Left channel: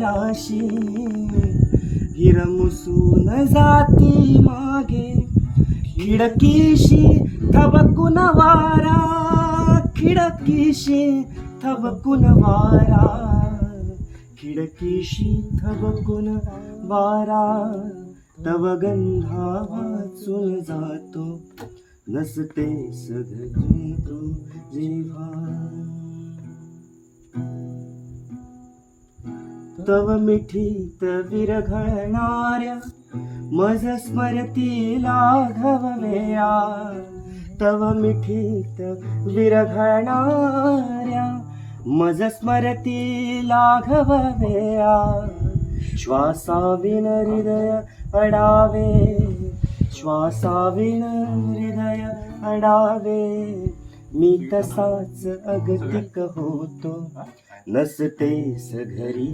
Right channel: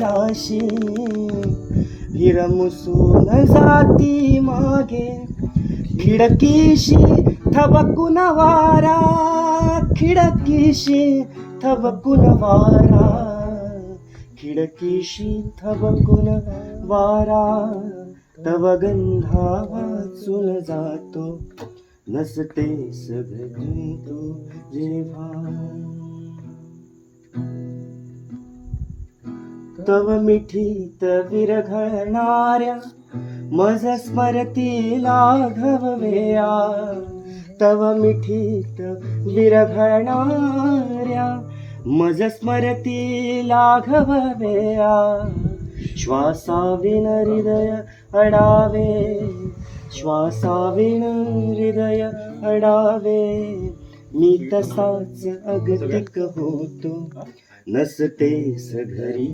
राशी हिरमुसून जाती मागे खिडकीशी थबकून वारा खिडकीशी थबकून वारा खिडकीशी थबकून वारा तव गंधा वाचून जातो नसतेस घरी तू जेव्हा तव मिठीत विरघळणाऱ्या मज स्मरती लाघववेया तव मिठीत विरघळणाऱ्या मज स्मरती लाघववेया श्वासाविन हृदय अडावे श्वासाविन हृदय अडावे मी तसाच अगतिक होतो नसतेस घरी